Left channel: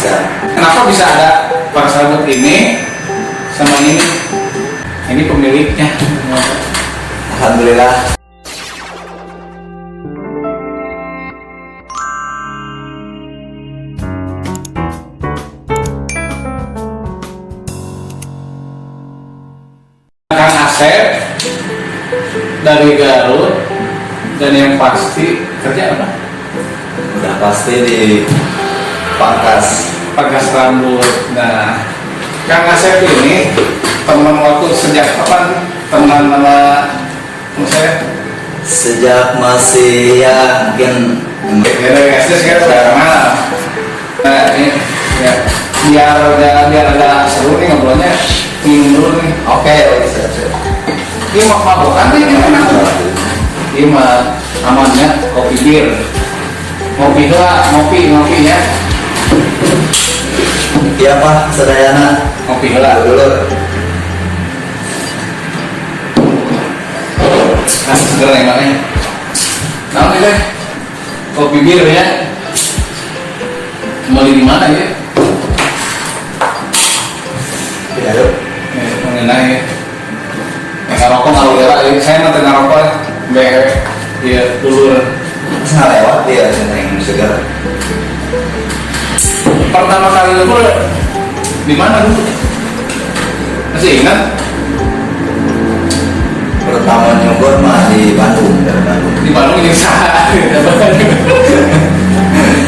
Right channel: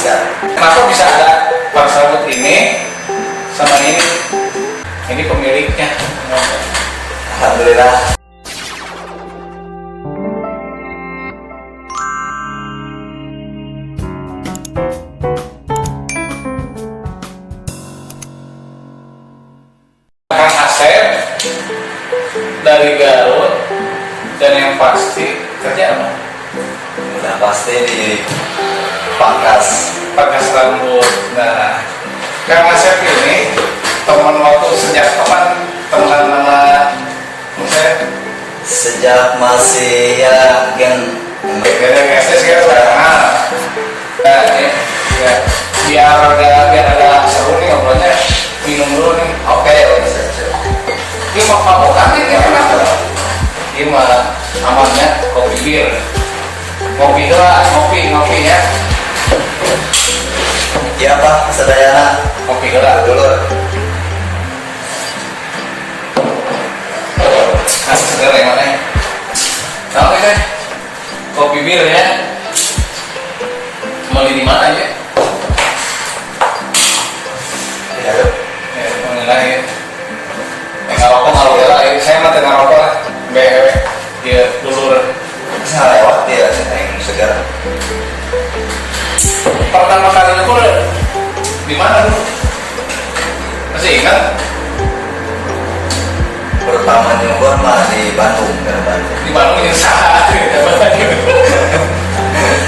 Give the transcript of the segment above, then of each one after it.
Kenapa bisa ada paras rambut ini sama ini? Ini pemiliknya. Alhamdulillah. Kang Asep dari Garut, dan yang pasti kerja apa? Udah pasti di pangkas rambut. Nah, Kang Asep ini teman waktu sejak kapan? Teman mana? Saya sejak masih ya mungkin dari SD sekarang. Nah, ini ya, biar ada seru nih ngobrolnya. Minum dulu nih. oke. Ini mau mabukan nih, ini enak. Ini mah amannya kopi bir. Ngopi ya. Iya Pak, sedayana Kopi heula. dulu. Seger enaknya. Nah, ini kopi bir ya. Beli di mana ya? Tidak ada. Mengenai ya. Ngarokok ngalugela, saya mah teu ngarokok. Bewe. Dia ulur. Bisa lewat dia yang segar. Pertama kali nyukur di mana dulu? Masih ingat? Pertama nyukur mah di Bandung, Di Bandung ini saat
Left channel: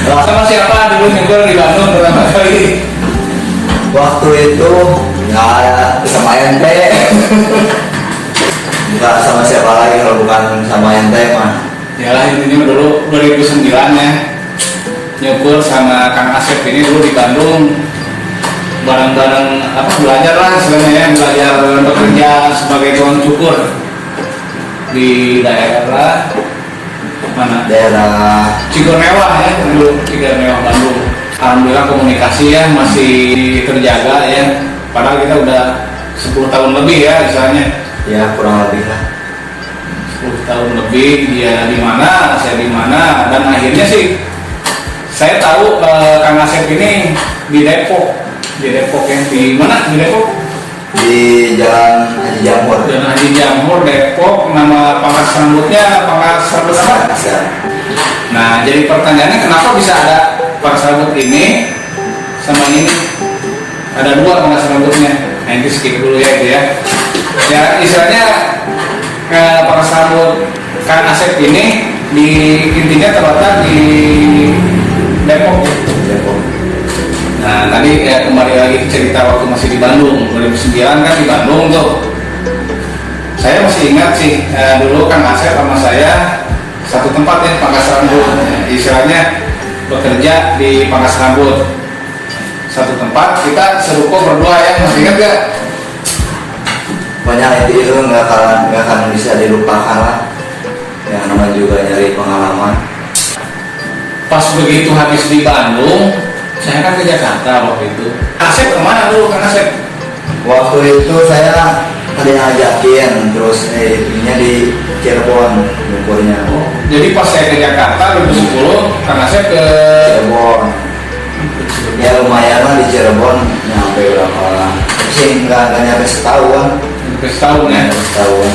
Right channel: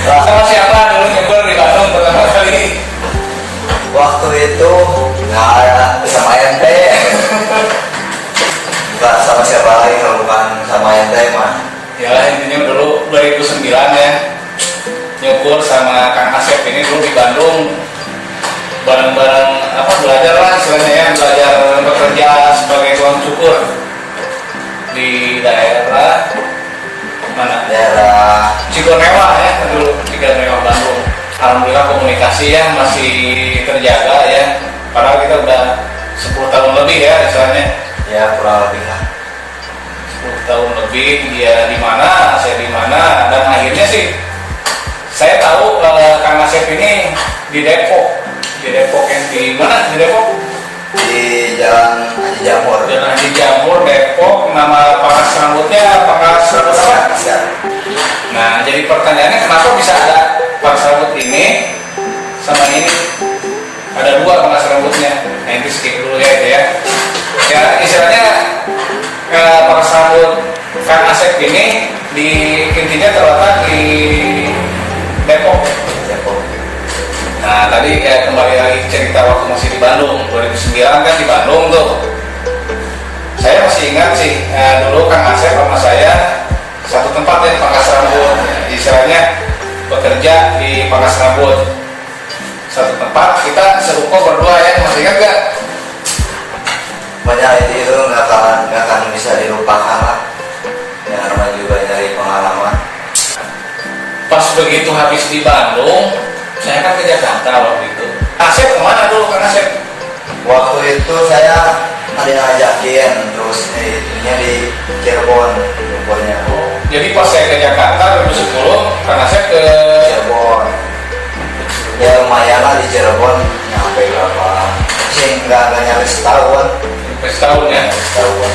sama siapa dulu nyukur di Bandung pertama kali? Waktu itu nggak sama ente. Bukan sama siapa lagi kalau bukan sama ente mah. Yalah, intinya dulu 2009 ya, nyukur sama Kang Asep ini dulu di Bandung, bareng-bareng belajar lah istilahnya ya, belajar bekerja sebagai tukang cukur di daerah mana? Daerah Cigonewah ya, dulu Cigonewah Bandung. Alhamdulillah komunikasi ya masih terjaga ya, padahal kita udah 10 tahun lebih ya istilahnya. ya kurang lebih lah. 10 tahun lebih, dia di mana, saya di mana, dan akhirnya sih saya tahu Kang Asep ini di Depok yang di mana? Di Depok? Di Jalan Haji Jamur. Jalan Haji Jamur, Depok. Nama pangkas rambutnya pangkas rambut apa? Nah, jadi pertanyaannya kenapa bisa ada pangkas rambut ini sama ini? Ada dua pangkas rambutnya. Nah, ini skip dulu ya itu ya. Ya istilahnya pangkas rambut Kang Asep ini intinya terletak di Depok. Nah tadi kembali lagi cerita waktu masih di Bandung 2009 kan di Bandung tuh. Saya masih ingat sih dulu Kang Asep sama saya satu tempat ya pangkas rambut. Istilahnya bekerja di pangkas rambut satu tempat, kita seruko berdua ya, masih ingat gak? Banyak itu nggak akan bisa dilupakan lah. Yang namanya juga nyari pengalaman. Pas begitu habis di Bandung, saya kan ke Jakarta waktu itu. Asep kemana dulu Kang Asep? Waktu itu saya ada yang ngajakin, terus ininya di Cirebon nyukurnya. Jadi pas saya ke Jakarta 2010, Kang Asep ke Cirebon. Ya lumayan lah di Cirebon, nyampe berapa sih nggak nyampe setahun. setahun ya. Setahun.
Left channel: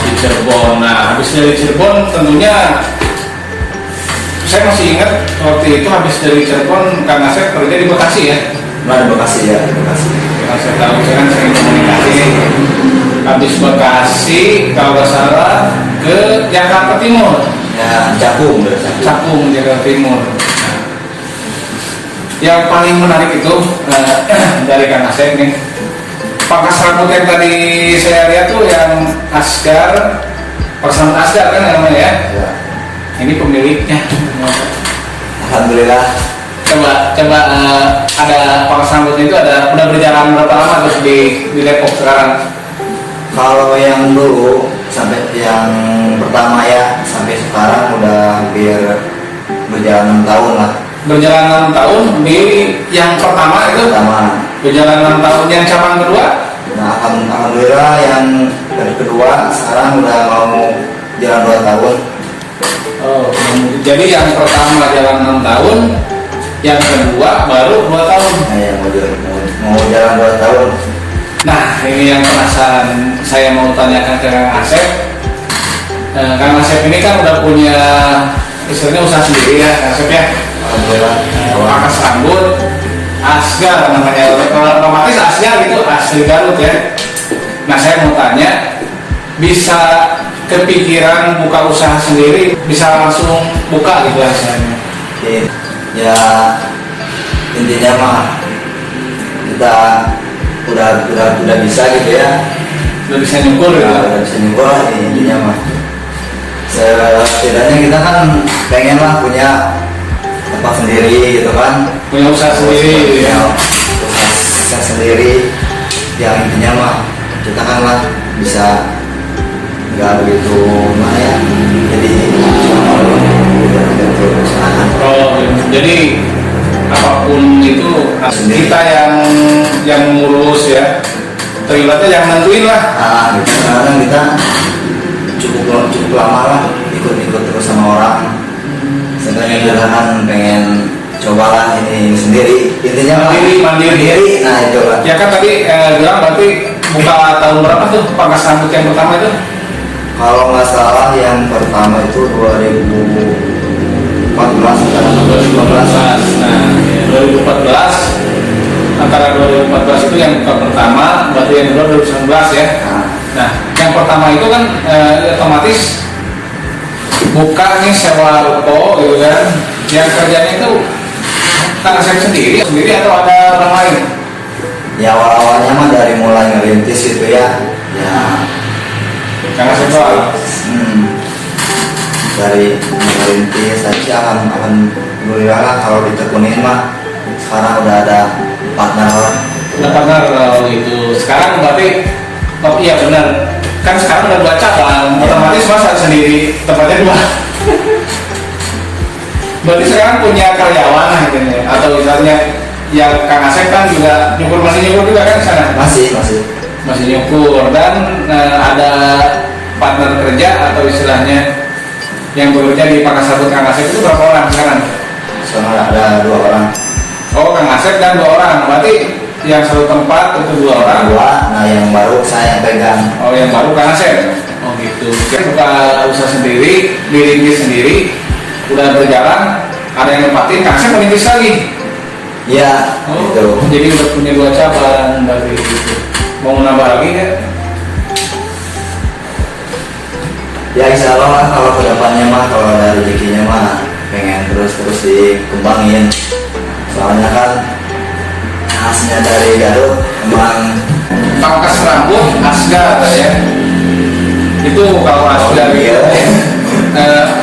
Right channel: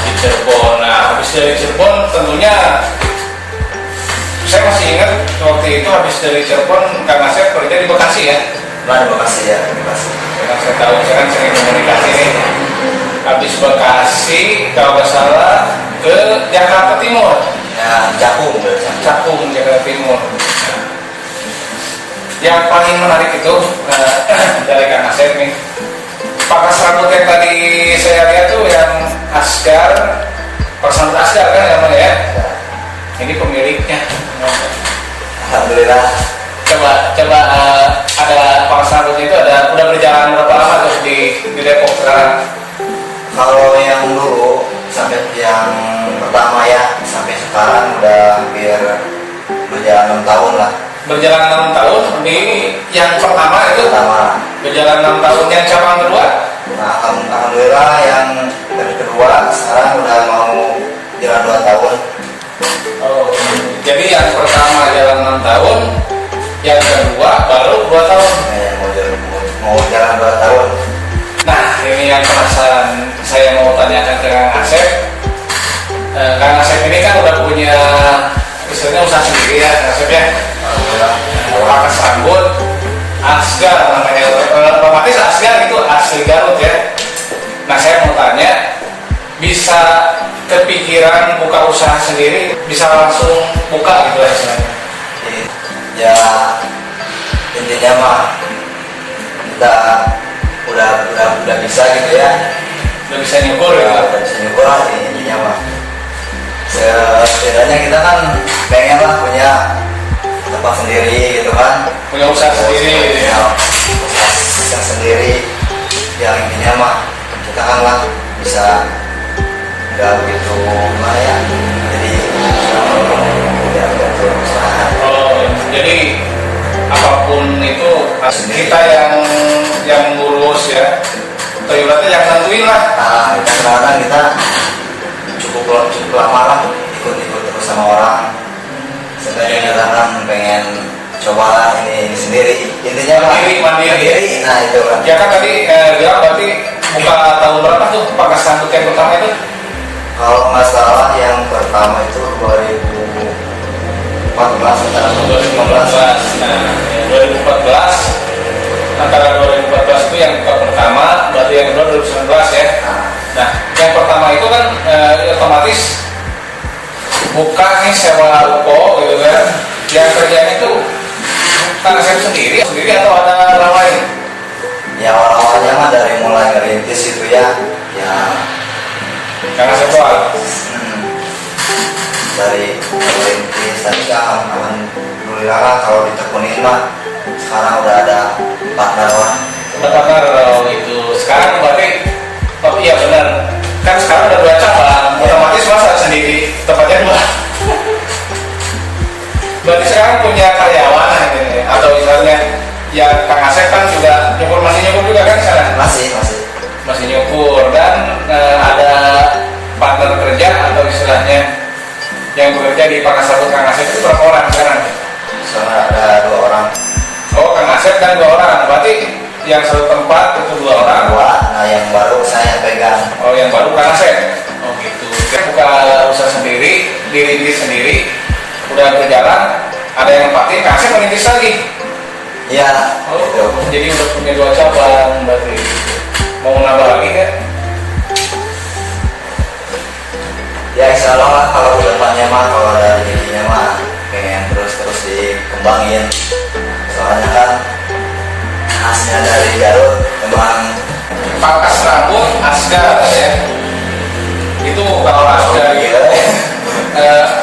Di Cirebon. Nah, habis dari Cirebon tentunya saya masih ingat waktu itu habis dari Cirebon Kang Asep kerja di Bekasi ya. Nah, di Bekasi ya, di Bekasi. Karena saya tahu saya kan sering komunikasi nih. Habis Bekasi kalau nggak salah ke Jakarta Timur. Ya, Cakung. Cakung Jakarta Timur. Nah, yang paling menarik itu dari Kang Asep nih, pangkas rambut yang tadi saya lihat tuh yang Asgar, personal Asgar kan namanya ya. Ya. Ini pemiliknya. Alhamdulillah. Coba ada pangkas rambutnya itu udah berjalan berapa lama terus di Depok sekarang? Kalau yang dulu sampai yang pertama ya sampai sekarang udah hampir berjalan 6 tahun lah. Berjalan 6 tahun di yang pertama itu. Berjalan 6 tahun yang cabang kedua. Nah, alhamdulillah yang kedua sekarang udah mau jalan 2 tahun. Oh, jadi yang pertama jalan 6 tahun, Yang kedua baru 2 tahun. Nah, yang mau jalan 2 tahun. Nah, ini yang penasaran saya mau tanyakan ke Kang Asep. Kang Asep ini kan udah punya istilahnya usaha sendiri ya, Kang Asep ya. Alhamdulillah. Pangkas rambut Asgar namanya, otomatis Asgar itu asli Garut ya. Nah, saya mau tanya, bisa kepikiran buka usaha sendiri, bisa langsung buka gitu rasanya? Ya intinya mah kita udah bisa gitu ya. Udah bisa nyukur gitu. Udah bisa nyukur lah intinya mah. Setidaknya kita kan pengen lah punya tempat sendiri gitu kan, Punya usaha sendiri. punya usaha sendiri. Yang intinya mah kita kan lah bisa nggak begitu mah ya, jadi usaha. Oh, jadi apapun itu kita yang ngurus ya. Atau ibaratnya yang nentuin lah. Nah, kita sekarang kita cukup lama lah ikut terus sama orang. Sebenarnya kita kan pengen cobalah ini sendiri. Intinya mah mandiri. Nah itu lah. Ya kan tadi bilang berarti buka tahun berapa tuh pangkas rambut yang pertama itu? Kalau nggak salah yang pertama itu 2014 antara 2015. Nah, 2014 antara 2014 itu yang buka pertama, berarti yang kedua 2019 ya. Nah, yang pertama itu kan otomatis buka nih sewa ruko gitu kan. Yang kerjanya itu Kang Asep sendiri atau ada orang lain? Ya awal-awalnya mah dari mulai ngerintis itu ya. Kang Asep doang. Dari ngerintis tadi alhamdulillah lah kalau ditekunin mah sekarang udah ada partner. Itu sekarang berarti iya benar kan, sekarang udah 2 cabang otomatis masa sendiri tempatnya 2. Berarti sekarang punya karyawan ini atau misalnya ya Kang Asep kan juga masih nyukur juga kan di sana? Masih nyukur. Dan ada partner kerja atau istilahnya yang bekerja di pangkas rambut Kang Asep itu berapa orang sekarang? Sekarang ada 2 orang. Oh, Kang Asep dan 2 orang. Berarti yang satu tempat itu 2 orang. Nah yang baru saya pegang. Oh, yang baru Kang Asep. Oh gitu. Dia buka usaha sendiri, diri sendiri, udah berjalan. Ada yang nempatin, Kang Asep merintis lagi. Iya. Gitu. Jadi udah punya 2 cabang dari itu. Mau nambah lagi kan? Ya insya Allah lah kalau kedepannya mah kalau ada rezekinya mah pengen terus dikembangin. Soalnya kan khasnya dari Garut emang Pangkas rambut Asgar ya. Itu kalau Asgar gitu.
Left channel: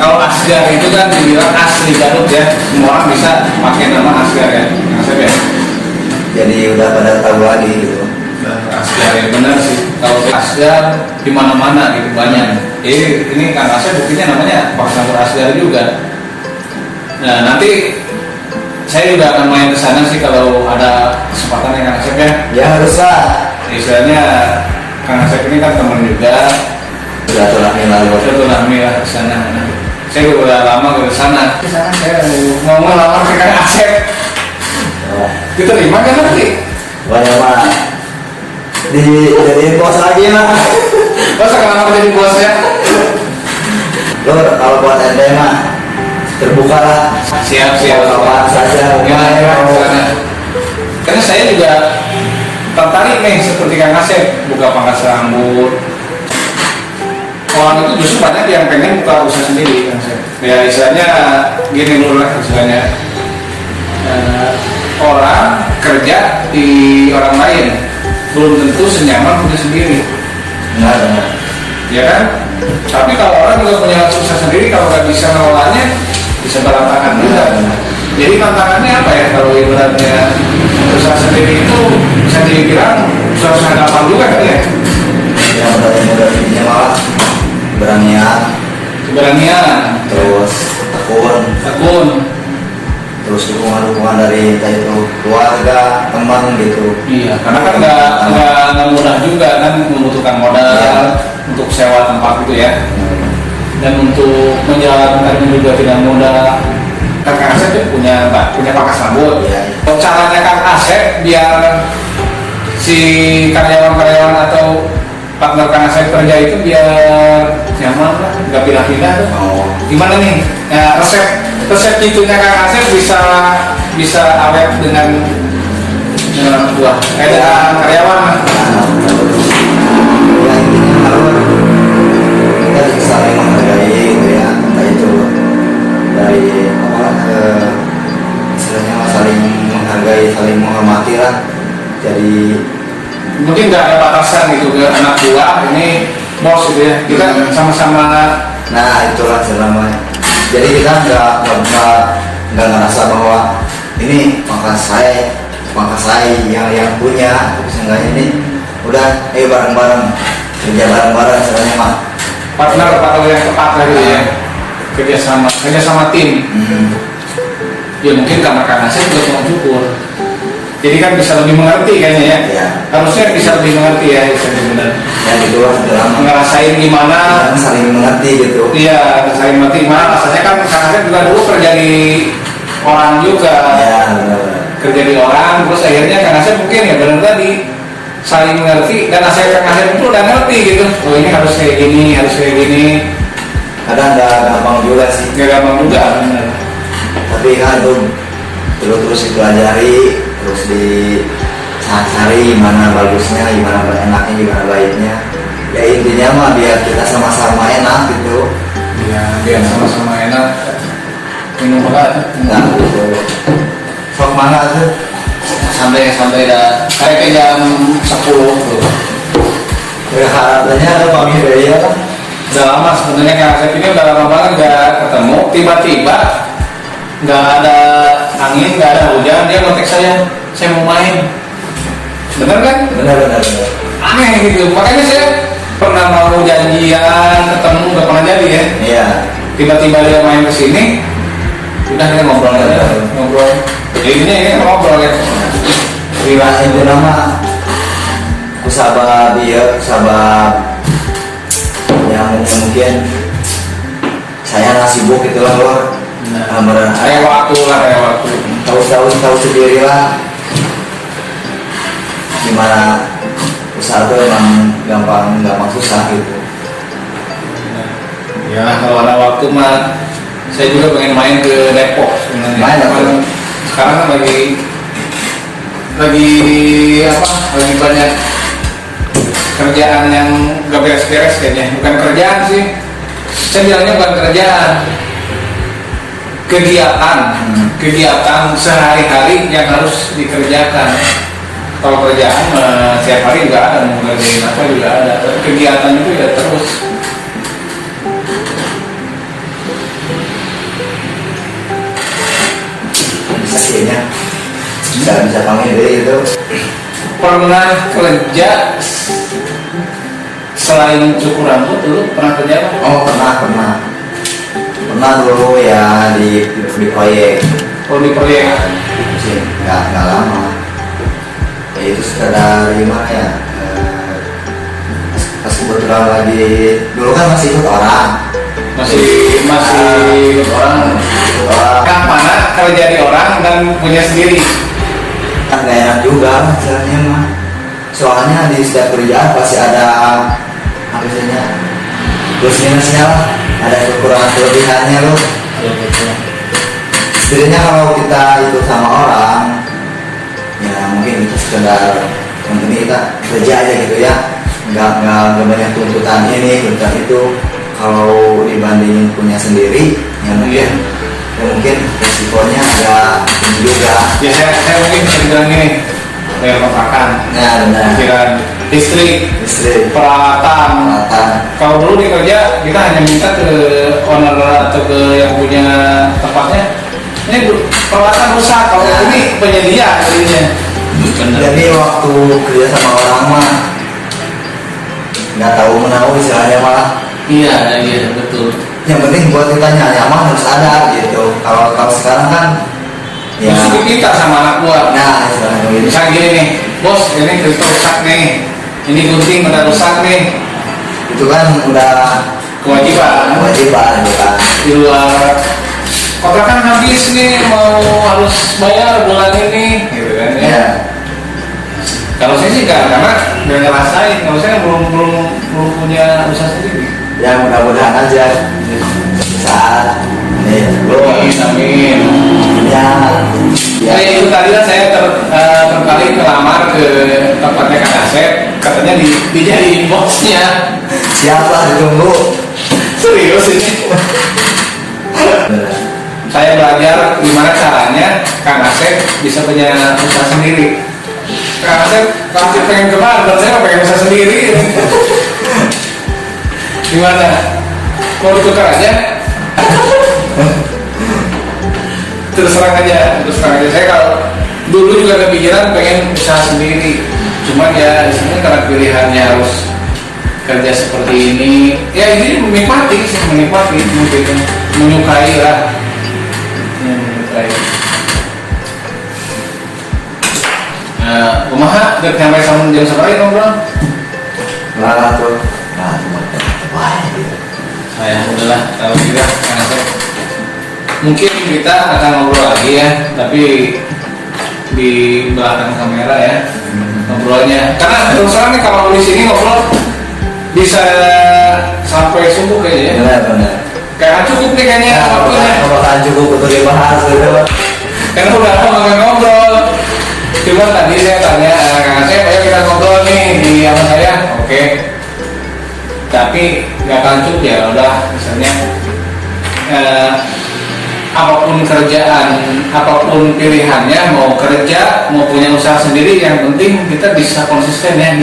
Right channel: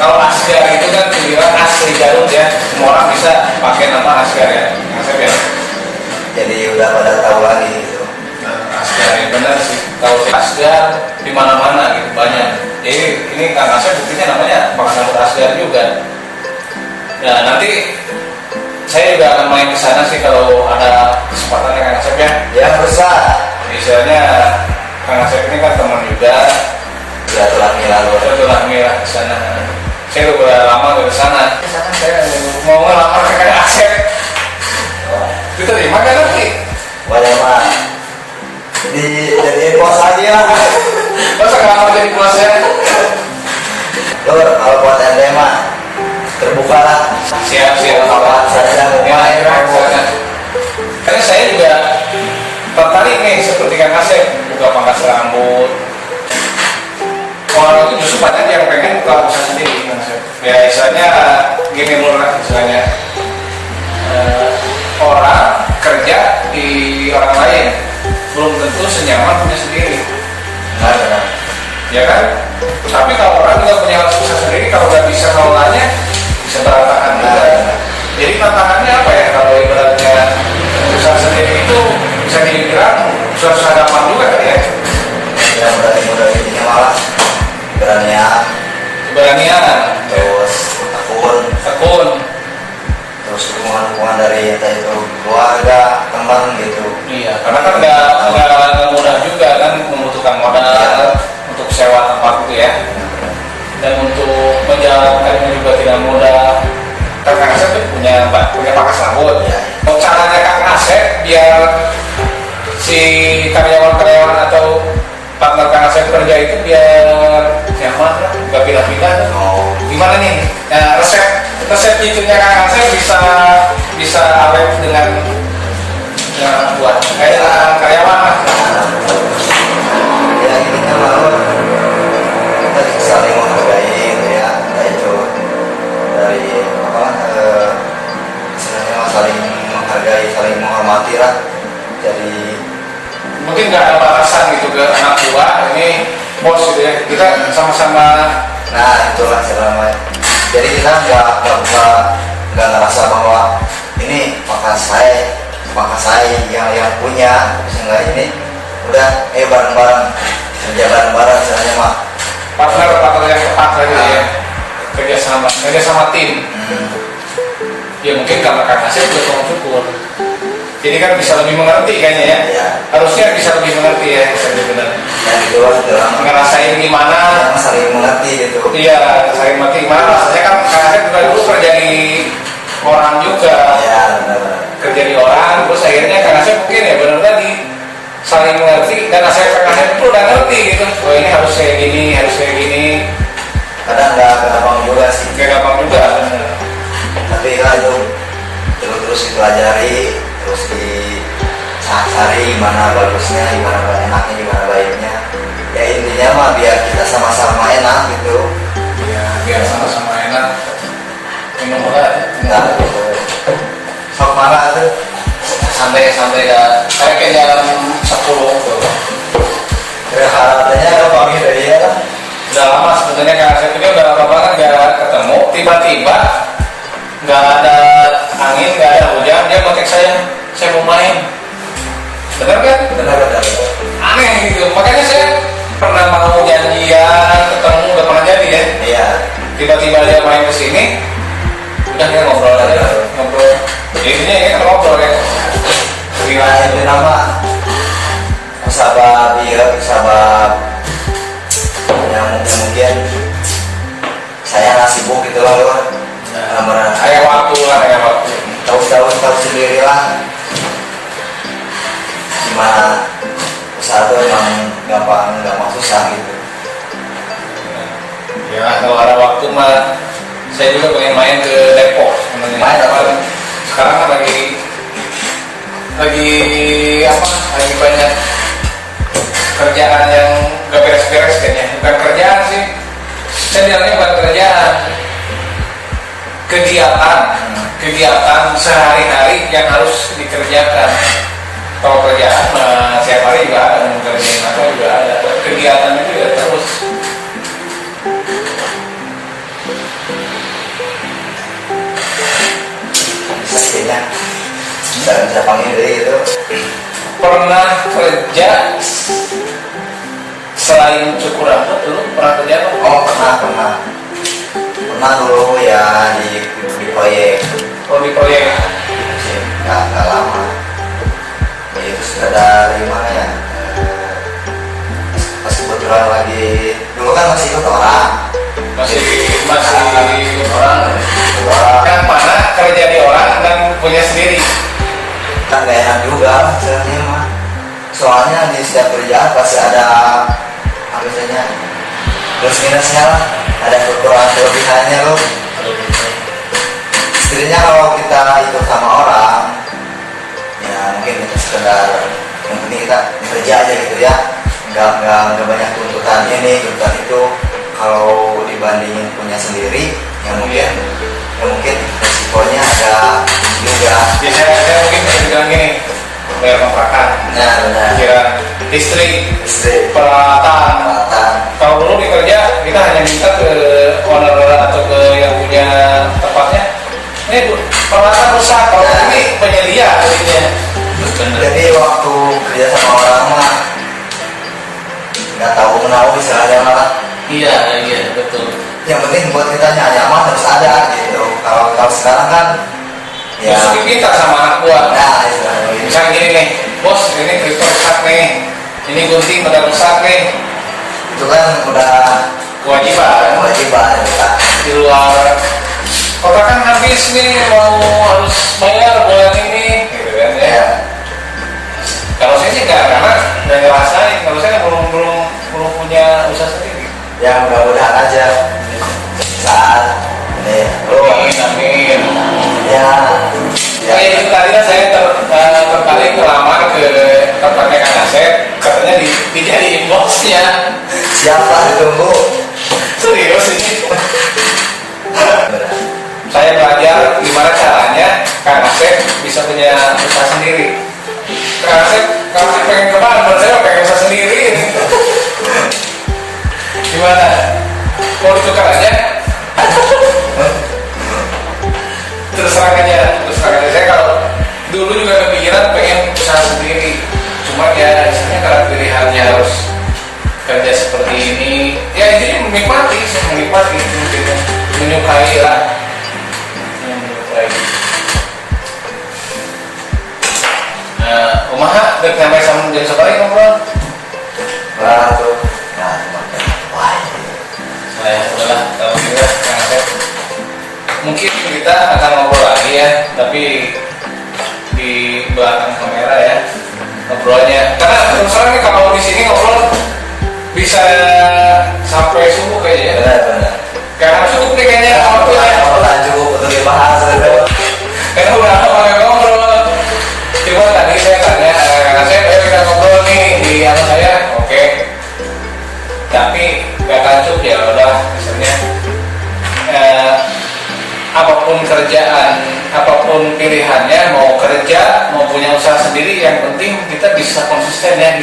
Kalau Asgar itu kan dibilang asli Garut ya. Semua orang bisa pakai nama Asgar ya. Asgar ya. Jadi udah pada tahu lagi gitu. Asgar ya benar sih. Kalau Asgar di mana-mana gitu banyak. Jadi ini Kang Asep buktinya namanya pangkas rambut Asgar juga. Nah nanti saya juga akan main ke sana sih kalau ada kesempatan ya Kang Asep ya. Ya harus lah. Misalnya Kang Asep ini kan teman juga. Silaturahmi lah ke sana. Saya udah lama ke sana. Misalkan saya mau ngelamar ke Kang Asep. Diterima kan nanti? Banyak mah dijadiin bos lagi lah. Masa ngelamar jadi bosnya? Lur, kalau buat ente mah terbuka lah. Siap. Kapan saja Ya, karena saya juga tertarik nih seperti Kang Asep buka pangkas rambut. Orang itu justru banyak yang pengen buka usaha sendiri Kang Asep. Ya istilahnya gini murah istilahnya. Orang kerja di orang lain belum tentu senyaman punya sendiri. Benar. Ya kan? Tapi kalau orang juga punya usaha sendiri, kalau nggak bisa ngelolanya, bisa berantakan juga. Jadi tantangannya apa ya kalau ibaratnya usaha sendiri itu bisa dibilang usaha gampang juga kan ya? Ya modal ininya malah keberanian, terus tekun, terus dukungan dari entah itu keluarga, teman gitu. Iya, karena kan nggak mudah juga kan, membutuhkan modal untuk sewa tempat itu ya. Dan untuk menjalankannya juga tidak mudah. Kang Asep itu punya pangkas rambut. Ya. Caranya Kang Asep biar si karyawan-karyawan atau partner Kang Asep kerja itu biar nyaman lah, nggak pindah-pindah tuh. Oh. Gimana nih? Nah, resep itunya Kang Asep bisa awet dengan orang tua, dengan karyawan lah. Ya intinya malah kita saling menghargai gitu ya, entah itu dari apalah istilahnya saling menghargai, saling menghormati lah. Jadi Mungkin nggak ada batasan gitu ke anak buah, ini bos gitu ya. Kita sama-sama. nah itulah selama. Jadi kita nggak ngerasa bahwa ini pangkas saya yang punya, misalnya ini udah ayo bareng-bareng kerja bareng-bareng misalnya mah partner yang tepat lagi ya, kerjasama tim. Ya mungkin karena Kang Asep juga tukang cukur, jadi kan bisa lebih mengerti kayaknya ya. Ya. Harusnya bisa lebih mengerti ya, bisa benar. yang gitu lah dalam Ngerasain gimana. saling mengerti gitu. Iya, saya mengerti gimana. Rasanya kan Kang Asep juga dulu kerja di orang juga. Ya benar-benar. Kerja di orang, terus akhirnya Kang Asep mungkin ya benar tadi saling mengerti, dan Kang Asep itu udah ngerti gitu. Oh ini harus kayak gini, Kadang nggak gampang juga sih, nggak gampang juga bener. tapi kan itu terus dipelajari, terus dicari gimana bagusnya, gimana enaknya, gimana baiknya. Ya intinya mah biar kita sama-sama enak gitu. Ya biar sama-sama enak. Minum apa? Nah gitu. Sok mana tuh? Sampai dah kayak ke jam 10 tuh. Ya harapannya ada pamit dari ya lah. Udah lama sebenarnya Kang Asep ini udah lama banget nggak ketemu. Tiba-tiba nggak ada angin, nggak ada hujan, dia kontak saya mau main. Bener kan? Benar. Aneh gitu. Makanya saya pernah mau janjian ketemu nggak pernah jadi ya. Iya. Tiba-tiba dia main ke sini, udah kita ngobrol. Jadi ini ngobrol ya. Nah itu nama sabab yang mungkin saya sibuk gitu loh bro. Kayak waktu. Tahu sendiri lah gimana usaha itu emang gampang susah gitu. Ya kalau ada waktu mah saya juga pengen main ke Depok sebenarnya. Main apa? Sekarang kan lagi banyak kerjaan yang gak beres-beres kayaknya. Bukan kerjaan sih, saya bilangnya bukan kerjaan, kegiatan sehari-hari yang harus dikerjakan. Kalau kerjaan setiap hari juga ada, mau ngerjain apa juga ada. Kegiatan itu ya terus. Bisa kayaknya bisa panggil dari gitu. Pernah kerja selain cukur rambut dulu pernah kerja apa? Oh pernah dulu ya di proyek. Oh di proyek. Sih nggak lama. Ya itu sekedar gimana ya? Pas kebetulan lagi dulu kan masih ikut orang. Masih orang. Yang mana kerja di orang dan punya sendiri? Kan gak enak juga misalnya mah. Soalnya di setiap kerjaan pasti ada biasanya plus minusnya lah, ada kekurangan kelebihannya loh. Setidaknya kalau kita ikut sama orang ya mungkin itu sekedar yang penting kita kerja aja gitu ya, nggak banyak tuntutan ini tuntutan itu. Kalau dibandingin punya sendiri ya mungkin resikonya agak tinggi juga. Ya saya mungkin bisa bilang gini, bayar kontrakan, Nah benar. pikiran listrik, peralatan. Kalau dulu di kerja kita hanya minta ke owner atau ke yang punya tempatnya, ini peralatan rusak, kalau ini penyedia jadinya. Jadi waktu kerja sama orang mah nggak tahu menahu istilahnya malah. Iya betul. Yang penting buat kita nyaman harus ada gitu. Kalau sekarang kan ya Justru kita sama anak buah. nah istilahnya gitu. Misalnya gini nih, bos ini filter rusak nih, ini gunting udah rusak nih, Itu kan udah kewajiban gitu kan. di luar kontrakan habis nih, mau harus bayar bulan ini gitu kan ya. Ya. Kalau saya sih nggak, karena nggak ngerasain, kalau saya kan belum punya usaha sendiri. Ya mudah-mudahan aja saat ini Amin. ya Ya itu tadi lah saya tertarik melamar ke tempatnya Kang Asep, katanya dijadiin bosnya. siapa ditunggu. Serius ini. Saya belajar gimana caranya Kang Asep bisa punya usaha sendiri. Kang Asep pengen kemana? Saya pengen usaha sendiri. Gimana? Mau ditukar aja? Terus terang aja. Saya kalau dulu juga kepikiran pengen usaha sendiri. Cuman ya sebenarnya karena pilihannya harus kerja seperti ini, ya ini menikmati, mungkin menyukai lah. Ya, menyukai. Kumaha dek sampai sama jam sekali ngobrol. Malah tuh nah wah Saya udahlah kalau tidak yang saya mungkin kita akan ngobrol lagi ya, tapi di belakang kamera ya ngobrolnya. Karena terus terang nih kalau di sini ngobrol bisa sampai subuh kayaknya. benar Karena cukup nih kayaknya waktunya. kalau kan cukup untuk dibahas itu. Karena udah lama nggak ngobrol. Cuma tadi saya tanya, Kang Asep, ya kita ngobrol nih di atas saya, oke. Tapi nggak cukup ya, udah misalnya apapun kerjaan, apapun pilihannya, mau kerja, mau punya usaha sendiri, yang penting kita bisa konsisten ya,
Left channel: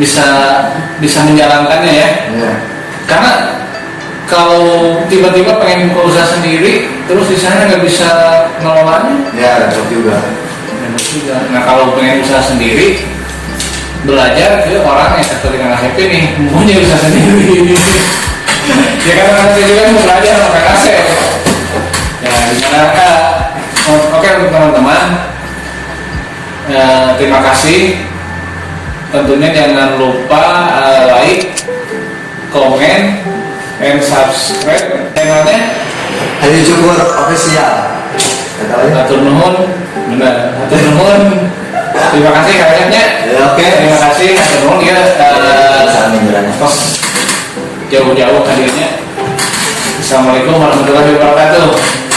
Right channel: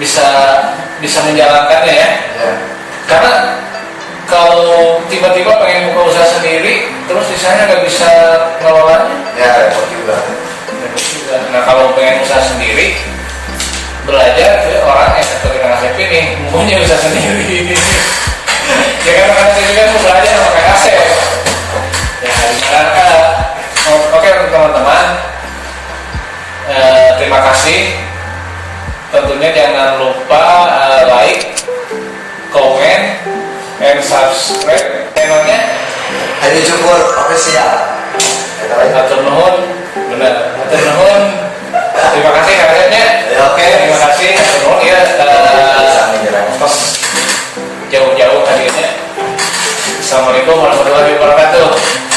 bisa menjalankannya ya. Ya. Karena kalau tiba-tiba pengen buka usaha sendiri, terus di sana nggak bisa ngelolanya, Ya repot juga. repot juga. Nah kalau pengen usaha sendiri, belajar ke orang yang seperti Kang Asep ini, punya usaha sendiri. Ya karena saya juga mau belajar sama Kang Asep. Ya disarankan. Oke untuk teman-teman, terima kasih. Tentunya jangan lupa like, komen, and subscribe channelnya. Ayo Cukur official. Kata lain. Hatur nuhun, benar. Hatur nuhun. Terima kasih kayaknya. Oke. Terima kasih. Hatur nuhun ya. Bisa menjalannya. Tos jauh-jauh hadirnya. Assalamualaikum warahmatullahi wabarakatuh.